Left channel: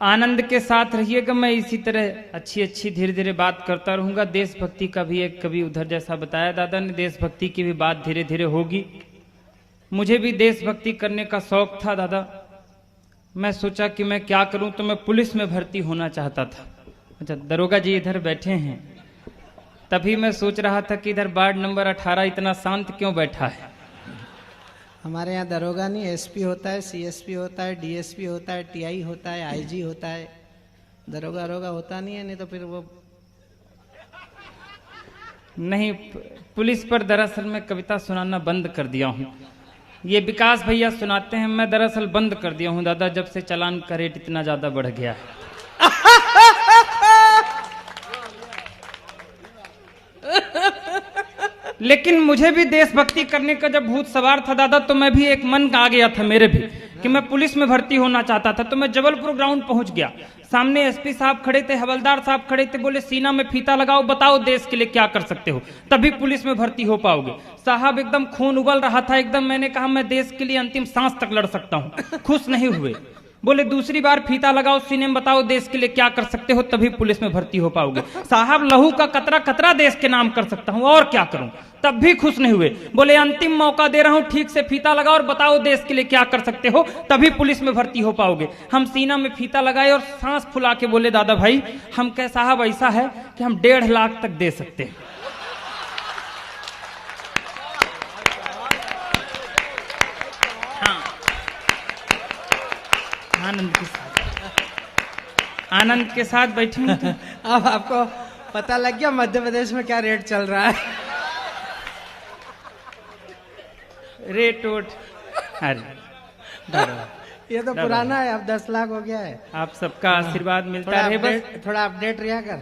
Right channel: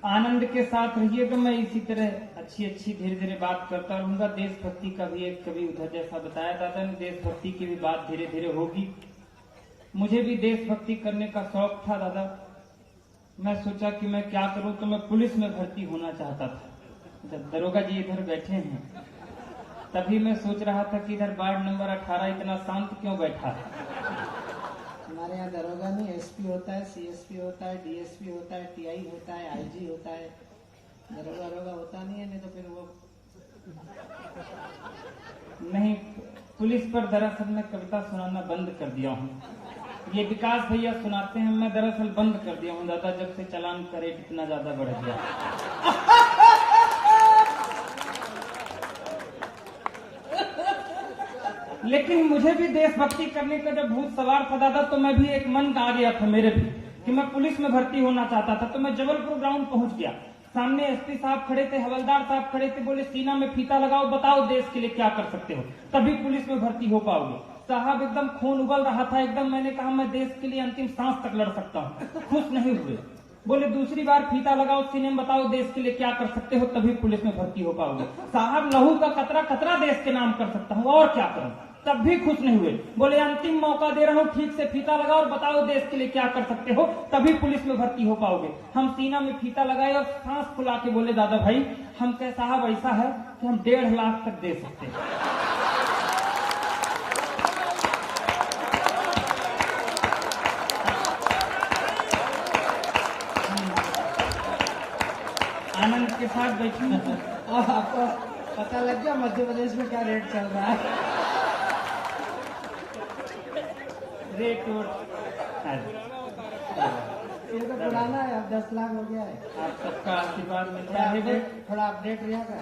आनंद के साथ रहिएगा। मैं इसी तरह अच्छी अच्छी धीरे धीरे बात करता रहूँगा। देशभक्ति का भी एक कवि उधर जैसा बताया दादा ने, देशभक्ति की भी बात धीरे धीरे होगी। मुझे भी देशभक्ति करने का शौक था दादा। मैं सोचा कि मैं क्या करूं, तो मैं पुलिस में भर्ती होना चाहता था। अच्छा, दरोगा जी इधर बैठे हैं, तभी मैं सोच रहा था कि इधर वार्ड नंबर 18 इतना शांत क्यों बैठा है। हमारे यहाँ दरोगा नहीं, एसपी होता है, सीएसपी होता है, डीएसपी होता है, टीआई होता है, आईजी होता है। दरोगा दरोगा होता नहीं है, नहीं तो फिर वो नहीं। पुलिस पर दरअसल मैं कविता सुनाना बंद कर दिया हूँ। ये विकास भैया सुनाते हैं, मैं दरअसल बंद कर दिया हूँ दादा, जब से चालान का रेट इतना ज्यादा बढ़ गया। लेकिन मुझे भी देशभक्ति करने का जब भूत सवार था दादा, तो मैं भी एक मन आ गया था मेरे भी कि मैं पुलिस में भर्ती होना चाहता था। तो मैं जबलपुर ग्राउंड पहुंच गया। सामने एसपी साहब खड़े थे, हवलदार साहब खड़े थे। बोले सीना में फीता लगाओ, बताओ देश के लिए क्या कर सकते हो, तभी पुलिस में भर्ती हो पाओगे। साहब एकदम खून उबल रहा था एकदम। मैंने कहा मैं देश के लिए अंतिम सांस तक लड़ सकता हूँ। खुश नहीं हुए। बोले दूसरी बार फीता लगाओ, सीने में बताओ देश के लिए क्या कर सकते हो, तभी पुलिस में भर्ती हो पाओगे। साहब लहू का कतरा कतरा देश के नाम कर सकता हूँ, और क्या करूं, तब भी खुश नहीं हुए। बोले अंतिम मौका दे रहा हूं, ठीक से फीता लगाओ और बताओ देश के लिए क्या कर सकते हो, तभी पुलिस में भर्ती हो पाओगे। हम सीना में फीता लगाए और सांस फुला के बोले दादा भाई हम कह साहब ऐसा है कि हम 1.5 लाख तक दे सकते हैं। आनंद के साथ बैठी हूं। अब आपको पता लग गया मध्य प्रदेश में क्या रेट चल रहा है। रेट वोट ये तो पुराना है, अब 10 लाख हो गया है। आप सबका आशीर्वाद मिलता है बस। थोड़ा अपडेट रहा कर।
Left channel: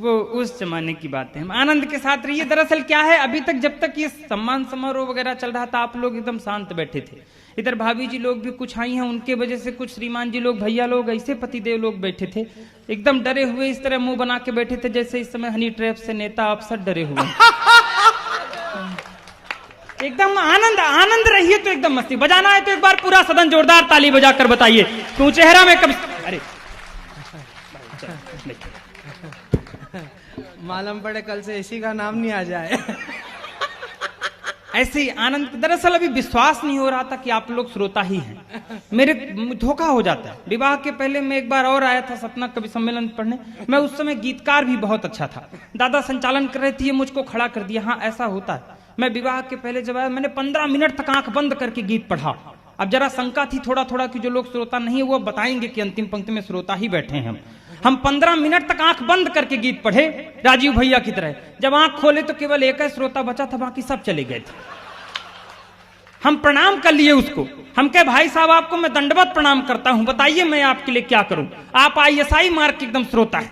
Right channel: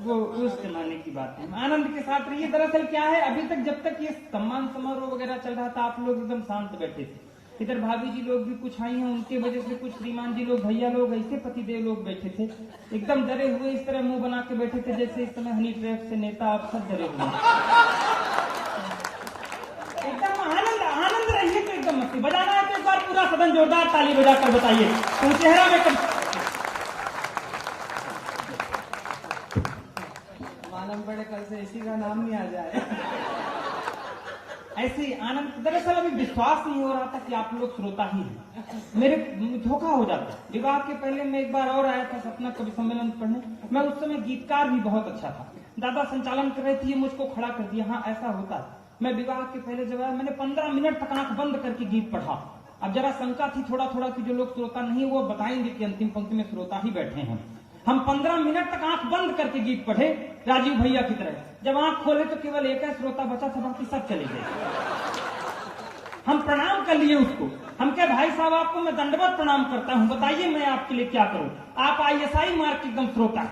वो उस जमाने की बात है। हम आनंद के साथ रहिए। दरअसल क्या है, अभी तक जब तक ये सम्मान समारोह वगैरह चल रहा था, आप लोग एकदम शांत बैठे थे। इधर भाभी जी लोग भी कुछ आई हैं, उनके वजह से कुछ श्रीमान जी लोग, भैया लोग, ऐसे पतिदेव लोग बैठे थे एकदम डरे हुए, इस तरह मुंह बना के बैठे थे जैसे इस समय हनी ट्रैप से नेता अफसर डरे हुए। एकदम आनंद आनंद रहिए। तो एकदम मस्ती बजाना है तो एक बार पूरा सदन जोरदार ताली बजाकर बताइए तू चेहरा में कभी। अरे मालूम पड़े कल से इसी का नाम नहीं आ जाए। ऐसे ही आनंद। दरअसल अभी विश्वास नहीं हो रहा था कि आप लोग श्रोता ही हैं। मेरे धोखा हो जाता है। विवाह के पहले मैं एक बार और आया था सपना कवि सम्मेलन पढ़ने। मैं उस समय गीतकार भी बहुत अच्छा था। दादा संचालन कर रहे थे, ये मुझको खड़ा कर दिया। हाँ ऐसा होता है। मैं विवाह के पहले जब आया, मैंने 15 मिनट तक आंख बंद करके गीत पढ़ा। अब जरा शंका थी थोड़ा थोड़ा कि जो लोग श्रोता नहीं है वो बताएंगे कि अंतिम पंक्ति में श्रोता ही बैठे हैं। हम 15 मिनट तक आंख बंद करके गीत पढ़े राजीव भैया की तरह। जब आंख खोले तो केवल एक ही श्रोता बचा था, बाकी सब चले गए थे। हम प्रणाम कर लिए उसको। हम कहे भाई साहब आपको मैं दंडवत प्रणाम करता हूं, बताइए मैं आपके लिए क्या करूं। आप ISI मार्क एकदम श्रोता है,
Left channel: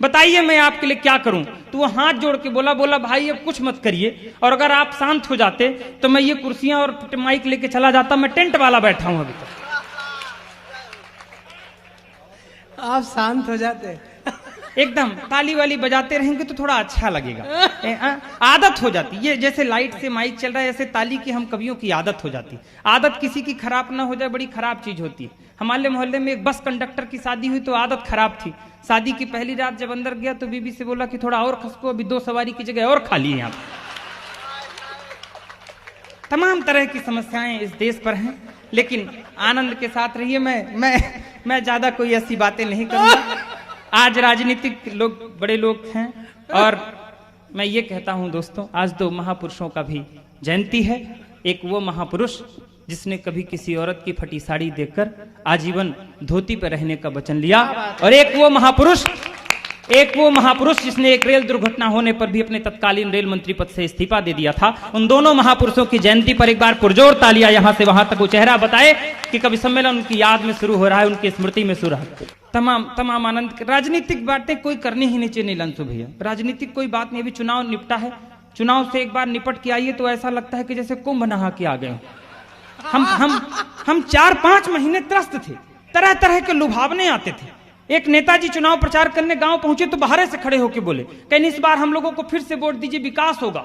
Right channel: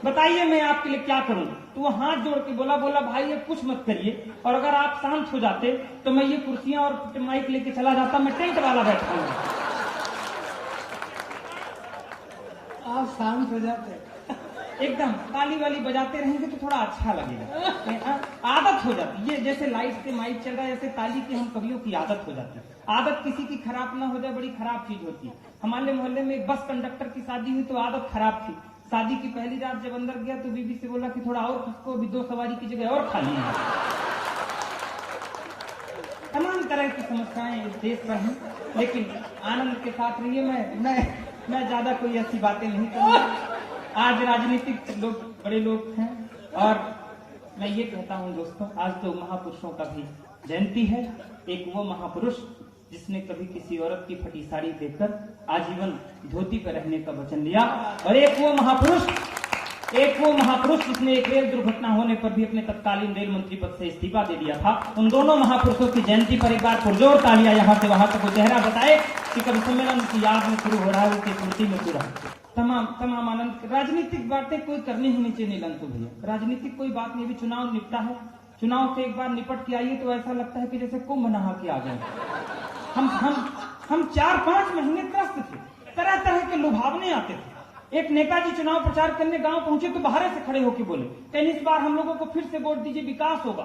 बताइए मैं आपके लिए क्या करूं। तो वो हाथ जोड़ के बोला भाई अब कुछ मत करिए, और अगर आप शांत हो जाते तो मैं ये कुर्सियां और माइक लेके चला जाता, मैं टेंट वाला बैठा हूं अभी। आप शांत हो जाते एकदम ताली वाली बजाते रहेंगे तो थोड़ा अच्छा लगेगा। आदत हो जाती, ये जैसे लाइट से माइक चल रहा है ऐसे ताली की हम कवियों की आदत हो जाती। आदत किसी की खराब ना हो जाए, बड़ी खराब चीज होती है। हमारे मोहल्ले में एक बस कंडक्टर की शादी हुई तो आदत खराब थी। शादी की पहली रात जब अंदर गया तो बीबी से बोला कि थोड़ा और खसको, अभी 2 सवारी की जगह और खाली है। यहाँ तमाम तरह की समस्याएं इस देश पर हैं, लेकिन आनंद के साथ रहिए। मैं ज्यादा कोई ऐसी बातें नहीं करूंगा। आज राजनीतिक लोग बड़े लोग हैं, और मैं ये कहता हूं दोस्तों, आज 2 महापुरुषों का भी जयंती है। एक वो महापुरुष जिसने कभी किसी औरत की फटी साड़ी देखकर आजीवन धोती पर रहने का वचन लिया, और एक वो महापुरुष जिसने एक रेल दुर्घटना होने पर भी अपने तत्कालीन रेल मंत्री पद से इस्तीफा दे दिया था। उन दोनों महापुरुषों की जयंती पर एक बार पुरजोर तालियां यहां से वहां तक वो चेहरा बताए कि कवि सम्मेलन उनकी याद में शुरू हो रहा है, उनकी स्मृति में शुरू है। तमाम आनंद। राजनीतिक बातें कोई करनी ही नहीं चाहिए नीलांशु भैया। राजनीतिक कोई बात नहीं। अभी चुनाव निपटा है, चुनाव से एक बार निपट के आइए तो ऐसा लगता है कि जैसे कुंभ नहा के आ गए। हम 4-5 महीने त्रस्त थे, तरह तरह के लुभावने आते थे। एक नेताजी चुनाव प्रचार करने गांव पहुंचे तो बाहर से खड़े होके बोले कहीं इस बार हम लोगों को फिर से वोट दीजिए, विकास होगा।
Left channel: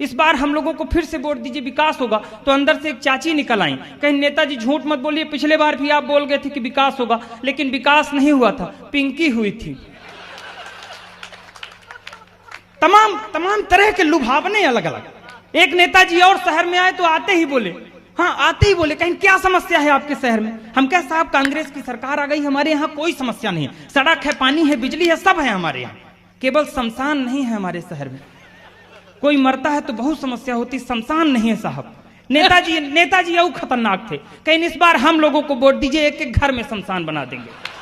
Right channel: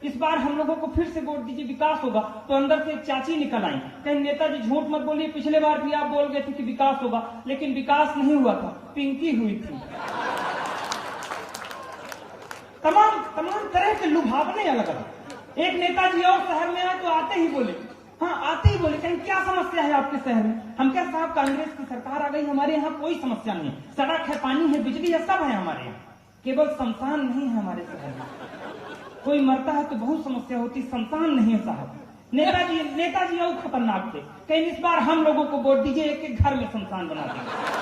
इस बार हम लोगों को फिर से वोट दीजिए, विकास होगा। तो अंदर से एक चाची निकल आई, कहीं नेताजी झूठ मत बोलिए, पिछले बार भी आप बोल गए थे कि विकास होगा, लेकिन विकास नहीं हुआ था, पिंकी हुई थी। तमाम तरह के लुभावने अलग अलग। एक नेताजी और शहर में आए तो आते ही बोले, हाँ आते ही बोले, कहीं क्या समस्या है आपके शहर में? हम क्या साहब, कांग्रेस की सरकार आ गई, हमारे यहाँ कोई समस्या नहीं है, सड़क है, पानी है, बिजली है, सब है हमारे यहाँ, केवल शमशान नहीं है हमारे शहर में। कोई मरता है तो बहुत समस्या होती, शमशान नहीं है साहब। नेताजी और खतरनाक थे, कहीं इस बार हम लोगों को वोट दीजिए, एक एक घर में शमशान बना देंगे।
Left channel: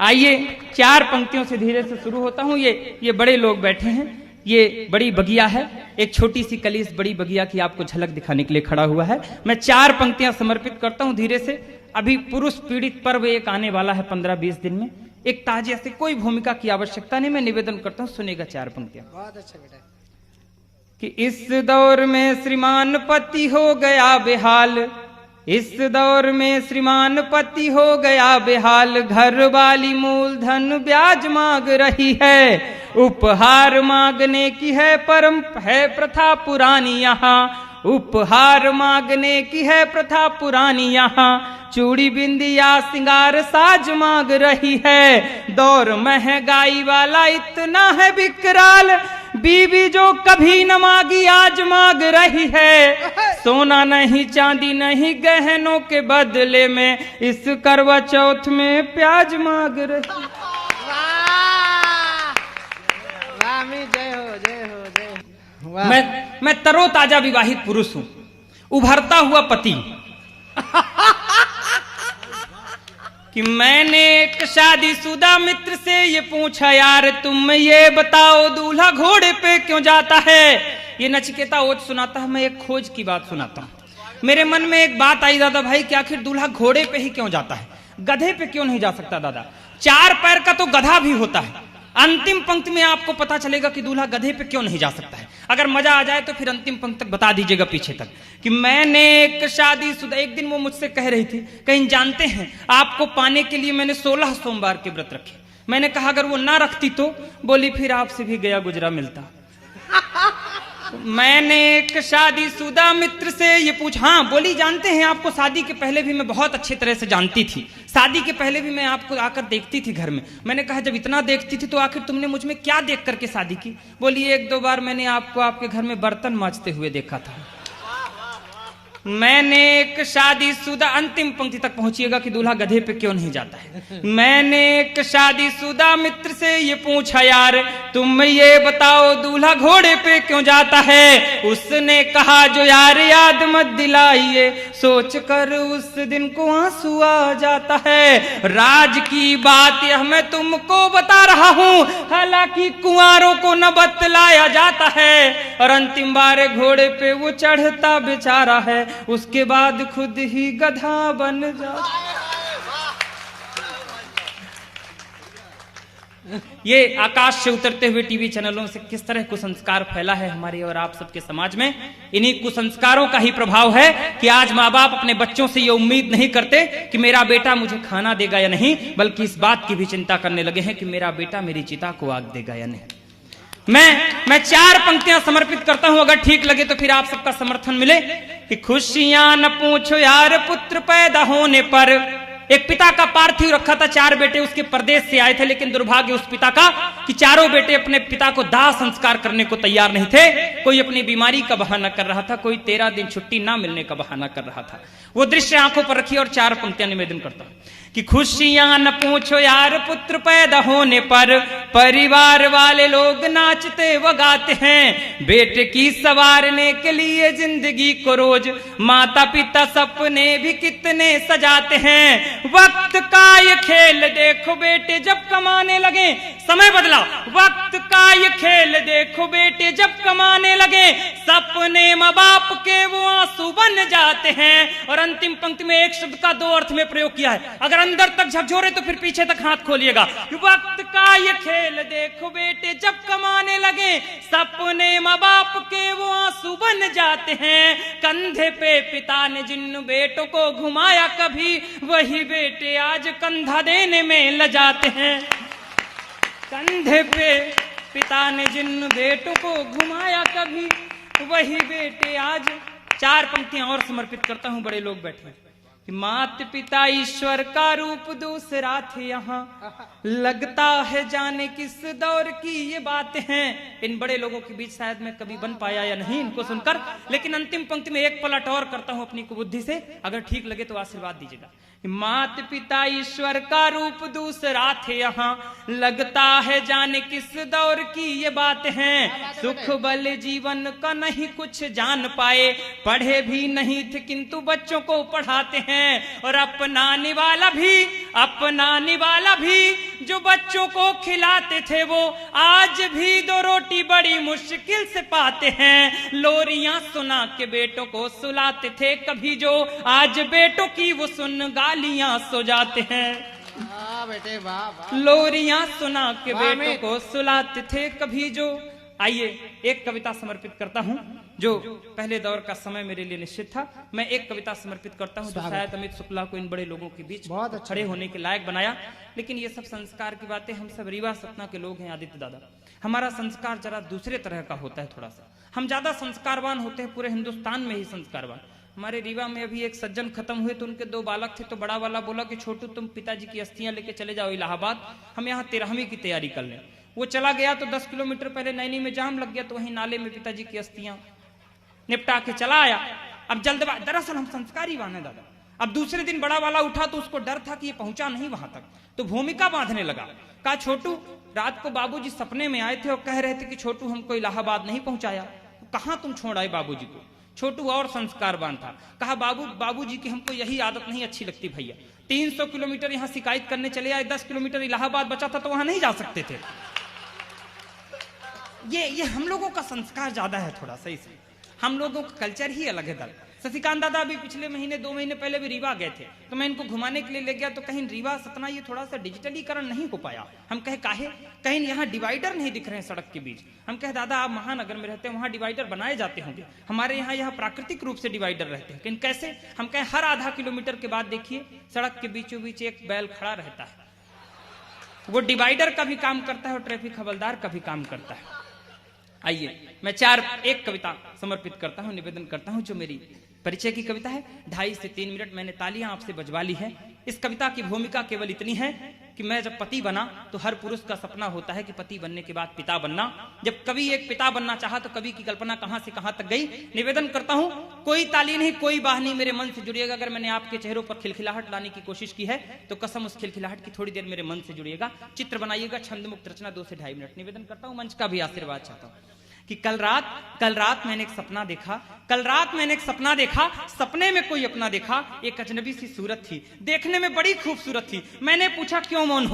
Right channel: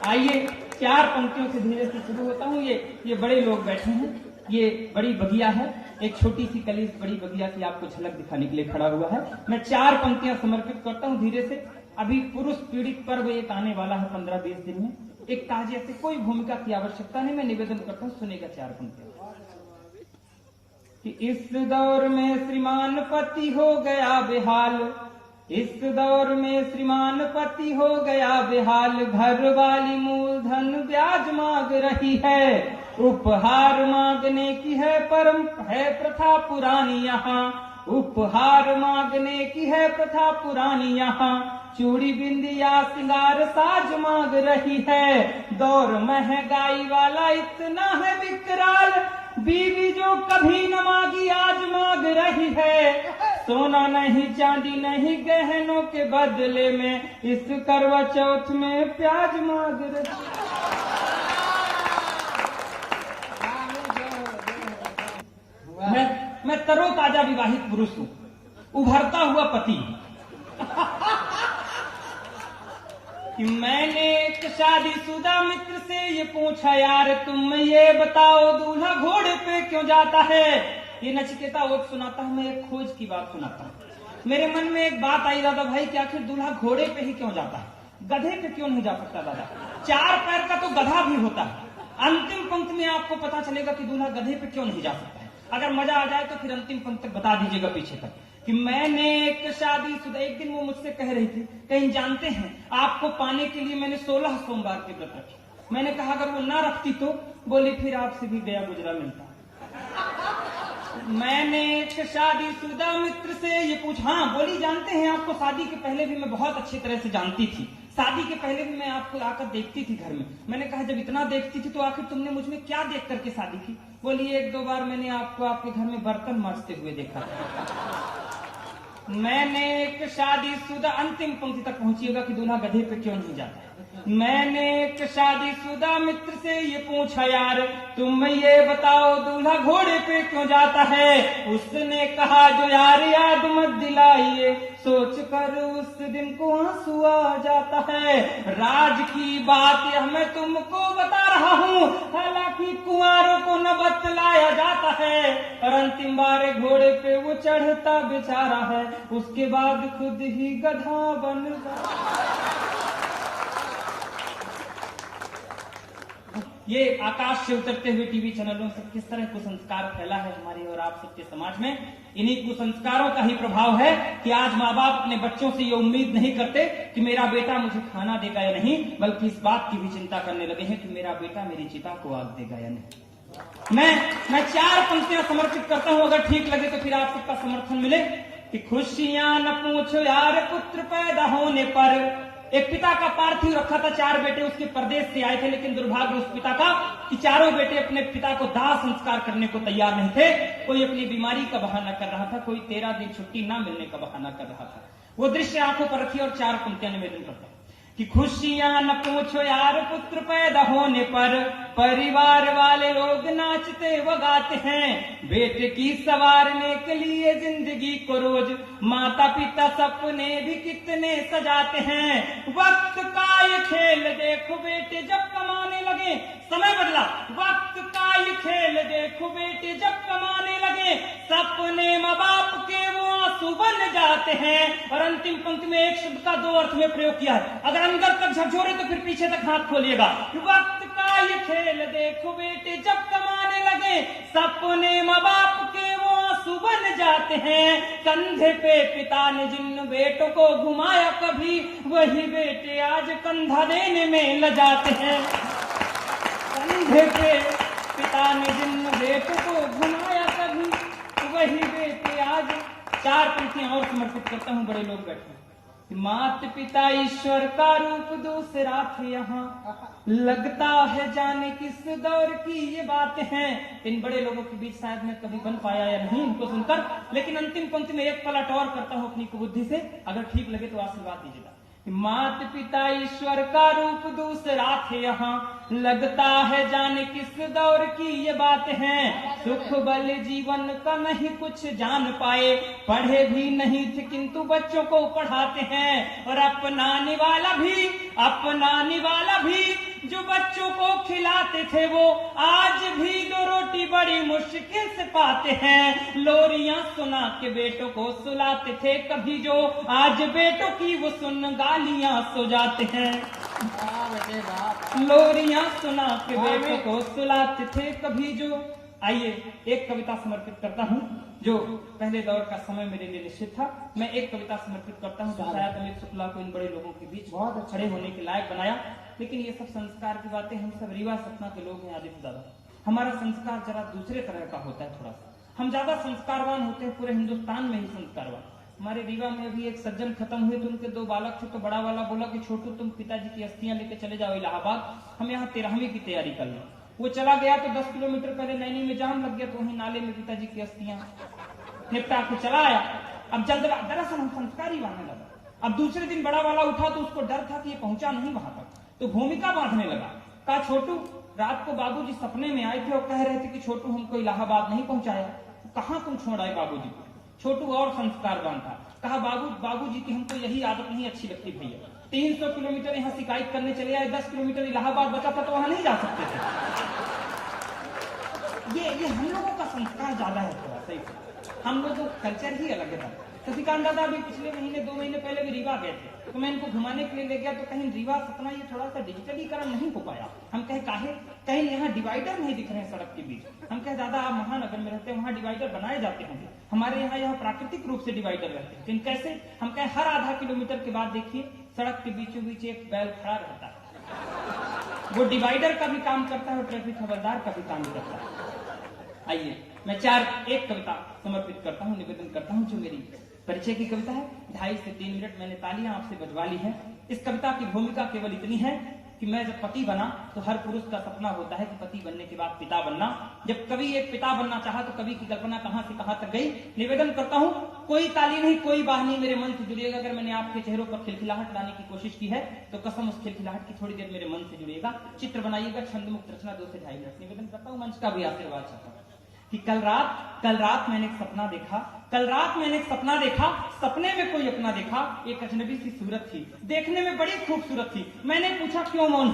आइए 4 पंक्तियों से धीरे से शुरू होता हूँ। ये बड़े लोग बैठे हैं, ये बड़ी बगिया है, एक छोटी सी कली इस बड़ी बगिया की आपको झलक दिखाने के लिए खड़ा हुआ है। मैं 4 पंक्तियां समर्पित करता हूँ धीरे से। अभी पुरुष पीड़ित पर्व एक आने वाला है 15-20 दिन में, एक ताजिया से, कोई भूमिका की आवश्यकता नहीं, मैं निवेदन करता हूँ, सुनेगा 4 पंक्तियां। कि इस दौर में श्रीमान पति हो गया बेहाल, इस दौर में श्रीमान पति हो गया बेहाल, घर वाली मूलधन ब्याज मांग रही है, उपहार मांगने की है प्रथा पुरानी यहाँ, उपहार मांगने की है प्रथा पुरानी यहाँ, चूड़ी बिंदिया सिंगार साज मांग रही है, दौर महंगाई वाला इतना है विकराल, बीवी जो कभी न मांगी आज मांग रही है, सोना नहीं चांदी नहीं गहनों के बदले में इस करवा चौथ में प्याज मांग रही। मैं तरोताजा विवाहित पुरुष हूं, उभरता हुआ पति, कि मैंने एक शादीशुदा मित्र से ये पूछा, यार तुम ये बताओ दूल्हा घोड़े पे क्यों जाता है? ये नचिकेता ओज सुनाता है, मैं एक खोज की बात सुनाता हूँ। मेरे मन में एक बात आई दादा भाई कि आखिर दूल्हा घोड़े पे ही क्यों जाता है, गधे पे क्यों नहीं जा सकता? दादा 4 पैर का तो गधा भी होता है। अंतिम पंक्ति में आपको पता चलेगा कि दूल्हा गधे पे क्यों नहीं जा सकता है। अगर मजा आ जाए तो फिर अंतिम पंक्ति तक बता दीजिएगा पीछे तक। कि मैंने एक शादीशुदा, एक दिन वो मुझसे कह रही थी, कहीं जानते हैं आपको पाने के लिए मैंने 16 सोमवार के व्रत रखे। मैंने कहा अगर वो ना रखती तो? बोली फिर आपसे भी गया गुजरा मिलता। मैंने एक शादीशुदा मित्र से ये पूछा, हाँ बोली जानते हैं आपको शादी के पहले भी मैं बहुत अच्छी तरह से जानती थी, शादी के पहले भी मैं आपको आकर देखती थी घर में। मैंने कहा जब इतना देखती थी तो आखिर तुमने मुझ में क्या देख करके शादी की? बोली 1-2 बार मैंने आपको आपके घर में बर्तन मांजते हुए देखा था। मैंने एक शादीशुदा, अंतिम पंक्ति तक पहुंचिएगा कि दूल्हा गधे पे क्यों नहीं जाता है। मैंने एक शादीशुदा मित्र से ये पूछा, यार तुम ये बताओ दूल्हा घोड़े पे क्यों जाता है? उसने कहा जो यार याद मत दिलाइए, सोच कर उस दिन को आंसू आ जाता है। राज की बात यह मैं तुमको बता रहा हूँ, हालांकि कुंवारों को न बतलाया जाता है। और अंतिम बार घोड़े पे वो चढ़ता बेचारा है, उसके बाद खुद ही गधा बन जा। ये आकाश से उतरते हुए टीवी चैनलों से किस तरह कुसंस्कार फैला है हमारे और आप सबके समाज में। इन्हीं कुसंस्कारों का ही प्रभाव है कि आज माँ बाप अपने बच्चों से ये उम्मीद नहीं करते कि मेरा बेटा मुझे खाना देगा या नहीं, बल्कि इस बात की भी चिंता करने लगे हैं कि मेरा बेटा मेरी चिता को आग देगा या नहीं। मैं 4 पंक्तियां समर्पित करता हूं, अगर ठीक लगे तो फिर आप सबका समर्थन मिले। कि खुशियां न पूछो यार पुत्र पैदा होने पर। एक पिता का पार्थिव रखा था, 4 बेटे उसके प्रदेश से आए थे, लेकिन दुर्भाग्य उस पिता का कि चारों बेटे अपने पिता को दाह संस्कार करने को तैयार नहीं थे। कोई अपनी बीमारी का बहाना कर रहा था, कोई 13 दिन छुट्टी ना मिलने का बहाना कर रहा था। वो दृश्य आंखों पर रखी और 4 पंक्तियां निवेदन करता हूं। कि खुशियां न पूछो यार पुत्र पैदा होने पर, परिवार वाले लोग नाचते व गाते हैं। बेटे की संवारने के लिए जिंदगी को रोज माता पिता सपने भी कितने सजाते हैं। वक्त का ये खेल देखो बेटे जब कमाने लगे, समय बदला। वक्त का ये खेल देखो बेटे जब कमाने लगे, सपने माँ बाप के वो आंसू बन जाते हैं। और अंतिम पंक्ति में एक शब्द का 2 अर्थ में प्रयोग किया है, अगर अंदर तक झकझोरे तो फिर पीछे तक हाथ खोलिएगा। वक्त का ये खेल देखो बेटे जब कमाने लगे, सपने माँ बाप के वो आंसू बन जाते हैं। कंधे पे पिता ने जिन बेटों को घुमाया कभी, वही बेटे आज कंधा देने में लजाते हैं। कंधे पे पिता ने जिन बेटों को घुमाया कभी वही बेटे आज। 4 पंक्तियां और समर्पित करता हूं, बड़े लोग बैठे कि मात पिता ईश्वर का रूप दूसरा थे यहाँ, लगता है जाने किस दौर की ये बातें हैं। इन बड़े लोगों के बीच शायद मैं कभी बन पाया या नहीं इनको सुनकर, लेकिन अंतिम पंक्ति में एक पलट और करता हूं अपनी कुबुद्धि से, अगर ठीक लगे तो आशीर्वाद दीजिएगा। मात पिता ईश्वर का रूप दूसरा थे यहाँ, लगता है जाने किस दौर की ये बात है। सुख बल जीवन का नहीं कुछ जान पाए, पढ़े भी नहीं थे किंतु बच्चों को पढ़ाते हैं। और अपनाने वाला भी जो बच्चों को खिलाते थे वो आज भी 2 रोटी बड़ी मुश्किल से पाते हैं। लोरियां सुना के बेटों को सुलाते थे कभी जो, आज बेटों की वो सुन गालियां सो जाते हैं। लोरियां सुना के बेटों को सुलाते थे कभी जो। आइए एक कविता समर्पित करता हूं जो पहले दौर का समय मेरे लिए निश्चित था। मैं एक कविता समर्पित करता हूं जो शायद अमित शुक्ला को इन बड़े लोगों के बीच खड़े होने के लायक बनाया। लेकिन ये सब संस्कार की बातें, हम सब रीवा सतना के लोग हैं आदित्य दादा, हमारा संस्कार जरा दूसरे तरह का होता है थोड़ा सा। हम ज्यादा संस्कारवान होते हैं, पूरे हिंदुस्तान में ही संस्कारवान। हमारे रीवा में अभी एक सज्जन खत्म हुए तो उनके 2 बालक थे, तो बड़ा वाला बोला कि छोटू तुम पिताजी की अस्थियां लेके चले जाओ इलाहाबाद, हम यहाँ 13वीं की तैयारी कर लें। वो चला गया तो 10 किलोमीटर पहले नैनी में जाम लग गया, तो वहीं नाले में पिताजी की अस्थियां निपटा के चला आया। अब जल्दबाजी, दरअसल हम संस्कारी वाले दादा। अब दूसरे दिन बड़ा वाला उठा तो उसको डर था कि ये पहुंचा नहीं वहां तक, तो भूमिका बांधने लगा। कहा छोटू, रात को बाबूजी सपने में आए थे और कह रहे थे कि छोटू हमको इलाहाबाद नहीं पहुंचाया, कहां तुम छोड़ आए बाबूजी को। छोटू और संस्कारवान था, कहा बाबूजी की हमको यही आदत नहीं अच्छी लगती भैया। 300 किलोमीटर यहाँ शिकायत करने चले आए, 10 किलोमीटर इलाहाबाद बचा था तो वहां नहीं जा सकते थे। ये हम लोगों का संस्कार ज्यादा है थोड़ा सही से, हम लोगों का कल्चर ही अलग है। सतीकांत दादा अभी पिछले महीने 2 महीने पहले भी रीवा गए थे, तो मैं इनको घुमाने के लिए ले गया, तो कहीं रीवा सतना ये थोड़ा सा डिजिटलीकरण नहीं हो पाया। हम कहे काहे, कहीं यहाँ डिवाइडर नहीं दिख रहे हैं सड़क के बीच। हम कहे दादा आप महानगर में रहते हैं, वहाँ डिवाइडर बनाए जाते होंगे, हमारे यहाँ प्राकृतिक रूप से डिवाइडर रहते हैं। लेकिन कैसे? हम कहे हर आधा किलोमीटर के बाद देखिए सड़क के बीचों बीच एक बैल खड़ा रहता है, वो डिवाइडर का भी काम करता है और ट्रैफिक हवलदार का भी काम करता है। आइए मैं एक कविता समर्पित करता हूँ, निवेदन करता हूँ जो मेरी परिचय की कविता है। 2.5 से 3 मिनट मैंने तालियां आपसे बजवा ली हैं। इस कविता की भूमिका केवल इतनी है कि मैं जब पति बना तो हर पुरुष का सपना होता है कि पति बनने के बाद पिता बनना। जब कवि एक पिता बनना चाहा तो कवि की कल्पना कहां से कहां तक गई। निवेदन करता हूं, कोई ताली नहीं, कोई बाह नहीं, मेरे मन से जुड़िएगा। अगर मैंने आपके चेहरों पर खिलखिलाहट लाने की कोशिश की है तो कसम उस खिलखिलाहट की थोड़ी देर मेरे मन से जुड़िएगा। चित्र बनाइएगा, छंद मुक्त रचना 2 से 2.5 मिनट। निवेदन करता हूं, मंच का भी आशीर्वाद चाहता हूं कि कल रात मैंने एक सपना देखा। सपने में कोई अपना देखा, एक अजनबी सी सूरत थी, देखने में बड़ी खूबसूरत थी। मैंने पूछा क्यों मौन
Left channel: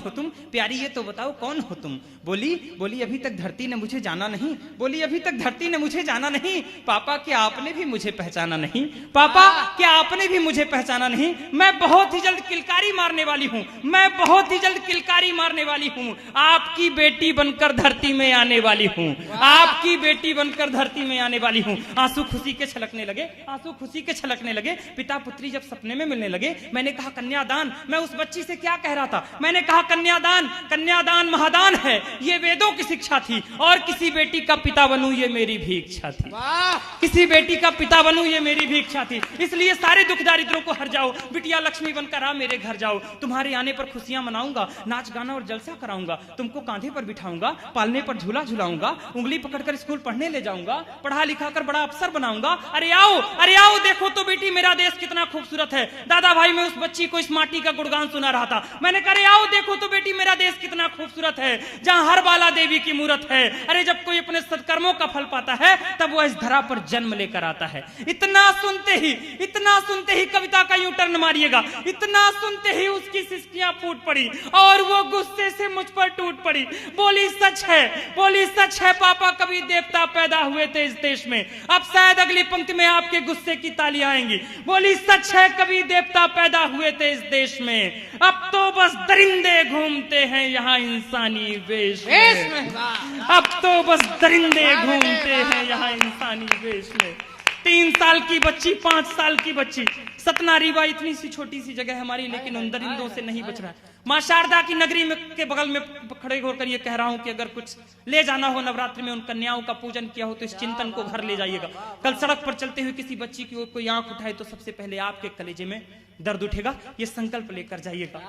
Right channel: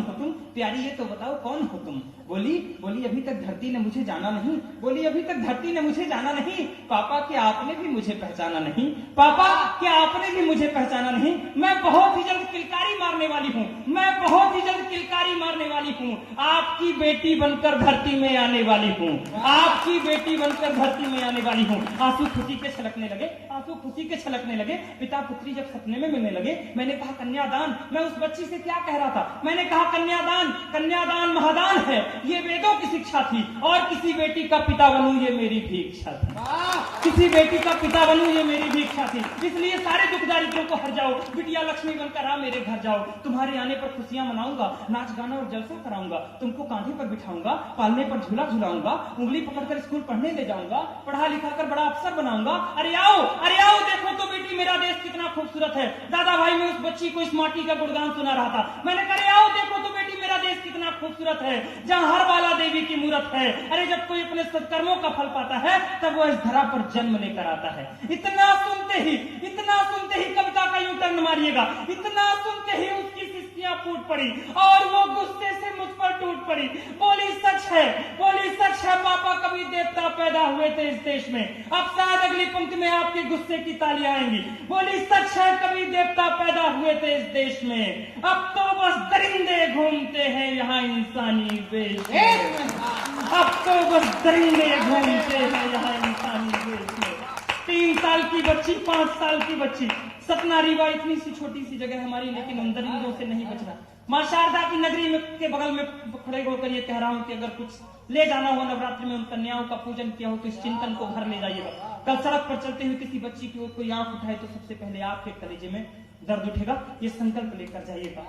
हो तुम, प्यारी ये तो बताओ कौन हो तुम। बोली अभी तक धरती ने मुझे जाना नहीं। पापा क्या आपने भी मुझे पहचाना नहीं। मैं बहुत ही जल्द किलकारी मारने वाली हूँ, आपकी बेटी बनकर धरती में आने वाली हूँ। आंसू खुशी के छलकने लगे। पिता पुत्री जब सपने में मिलने लगे, मैंने कहा कन्यादान। मैं उस बच्ची से क्या कह रहा था, मैंने कहा कन्यादान महादान है, ये वेदों की शिक्षा थी। और किसी बेटी का पिता बनूं ये मेरी भी इच्छा थी। इसलिए सारे दुख दारिद्रों को हर जाओ, बिटिया लक्ष्मी बनकर आ मेरे घर जाओ। तुम्हारे आने पर खुशियां मनाऊंगा, नाच गाना और जलसा कराऊंगा। तुमको कांधे पर बिठाऊंगा, पालने पर झूला झुलाऊंगा, उंगली पकड़कर स्कूल पढ़ने ले जाऊंगा, पढ़ा लिखा कर बड़ा अफसर बनाऊंगा। अरे आओ देखो तो बेटी मेरा देश कितना खूबसूरत है। दादा भाई मैं उस बच्ची को इस माटी का गुणगान सुना रहा था। मैंने कहा अरे आओ देखो तो बेटी मेरा देश कितना खूबसूरत है, जहाँ हर बाला देवी की मूरत है। अरे जब कोई अपने सत्कर्मों का फल पाता है तब वो इस धरा पर जन्म लेकर आता है। इतना सुनते ही कविता का यू टर्न मारिएगा। इतना सुनते ही उसकी सिसकियां फूट पड़ी और वो गुस्से से मुझ पर टूट पड़ी। बोली सच है पापा, कभी देवता पैदा हुए थे इस देश में। अब शायद अगली पंक्ति में आपके गुस्से की तालियां आएंगी। बोली सच है कभी देवता पैदा हुए थे इस देश में, अब तो बस दरिंदे घूमते हैं यहाँ इंसानी वेश में। 3 साल की बच्ची, 5 साल की बच्ची। सतना रीवा इतनी सी छोटी सी जगह हमारी, लेकिन उन दरिंदों से नहीं बच रहा। मां शारदा की नगरी में के बगल में खड़े होकर ये कह रहा हूं कि अगर कुछ ले जाना हो नवरात्रि में उन कन्याओं का पूजन किया हो तो इस चिंतन को घर ले जाइएगा। कल सड़क पर चलते हुए किसी बच्ची की ओर कोई आंख उठाए तो सबसे पहले आपके कलेजे में दर्द उठेगा। ये संकल्प लेकर जाइएगा।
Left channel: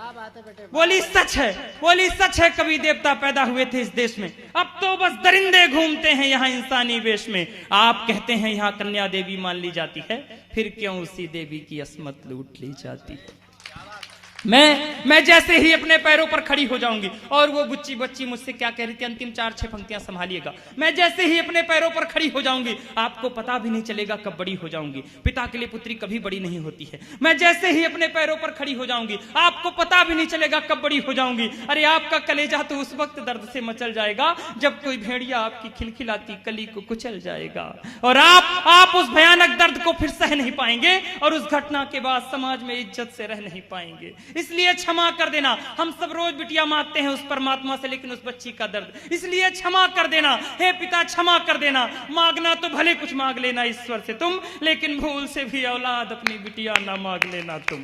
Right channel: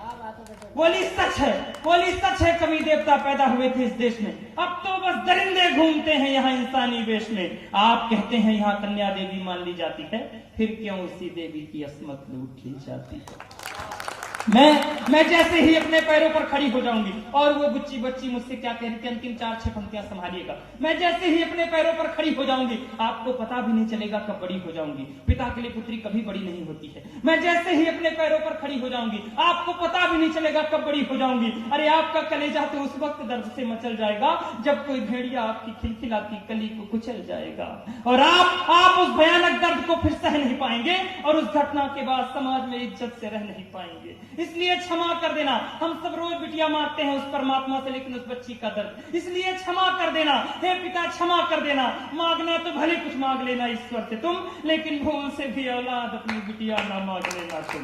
बोली सच है, बोली सच है, कवि देवता पैदा हुए थे इस देश में, अब तो बस दरिंदे घूमते हैं यहाँ इंसानी वेश में। आप कहते हैं यहाँ कन्या देवी मान ली जाती है, फिर क्यों उसी देवी की असमत लूट ली जाती है। मैं जैसे ही अपने पैरों पर खड़ी हो जाऊंगी, और वो बुच्ची बच्ची मुझसे क्या कह रही थी, अंतिम 4-6 पंक्तियां संभालिएगा। मैं जैसे ही अपने पैरों पर खड़ी हो जाऊंगी, आपको पता भी नहीं चलेगा कब बड़ी हो जाऊंगी। पिता के लिए पुत्री कभी बड़ी नहीं होती है। मैं जैसे ही अपने पैरों पर खड़ी हो जाऊंगी, आपको पता भी नहीं चलेगा कब बड़ी हो जाऊंगी। अरे आपका कलेजा तो उस वक्त दर्द से मचल जाएगा जब कोई भेड़िया आपकी खिलखिलाती कली को कुचल जाएगा, और आप उस भयानक दर्द को फिर सह नहीं पाएंगे, और उस घटना के बाद समाज में इज्जत से रह नहीं पाएंगे। इसलिए क्षमा कर देना। हम सब रोज बिटिया मांगते हैं उस परमात्मा से, लेकिन उस बच्ची का दर्द, इसलिए क्षमा कर देना। हे पिता क्षमा कर देना। मांगना तो भले कुछ मांग लेना ईश्वर से तुम, लेकिन भूल से भी औलाद अपनी बिटिया ना मांग लेना तुम।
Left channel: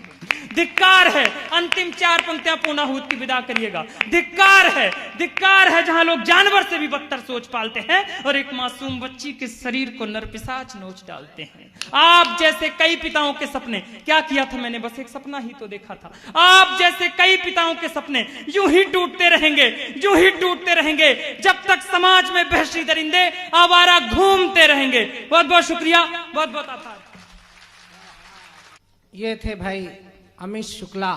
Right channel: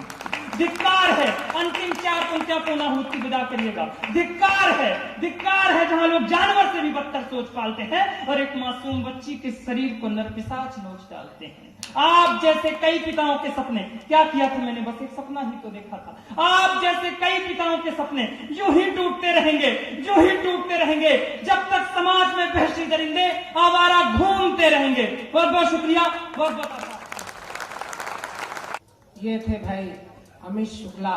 धिक्कार है। अंतिम 4 पंक्तियां पूर्णाहुति की विदा करिएगा। धिक्कार है जहां लोग जानवर से भी बदतर सोच पालते हैं और एक मासूम बच्ची के शरीर को नरपिशाच नोच डालते हैं। आप जैसे कई पिताओं के सपने, क्या किया था मैंने, बस एक सपना ही तो देखा था। आप जैसे कई पिताओं के सपने यूं ही टूटते रहेंगे जब तक समाज में वहशी दरिंदे आवारा घूमते रहेंगे। बहुत बहुत शुक्रिया, बहुत बहुत आभार। ये थे भाई अमित शुक्ला।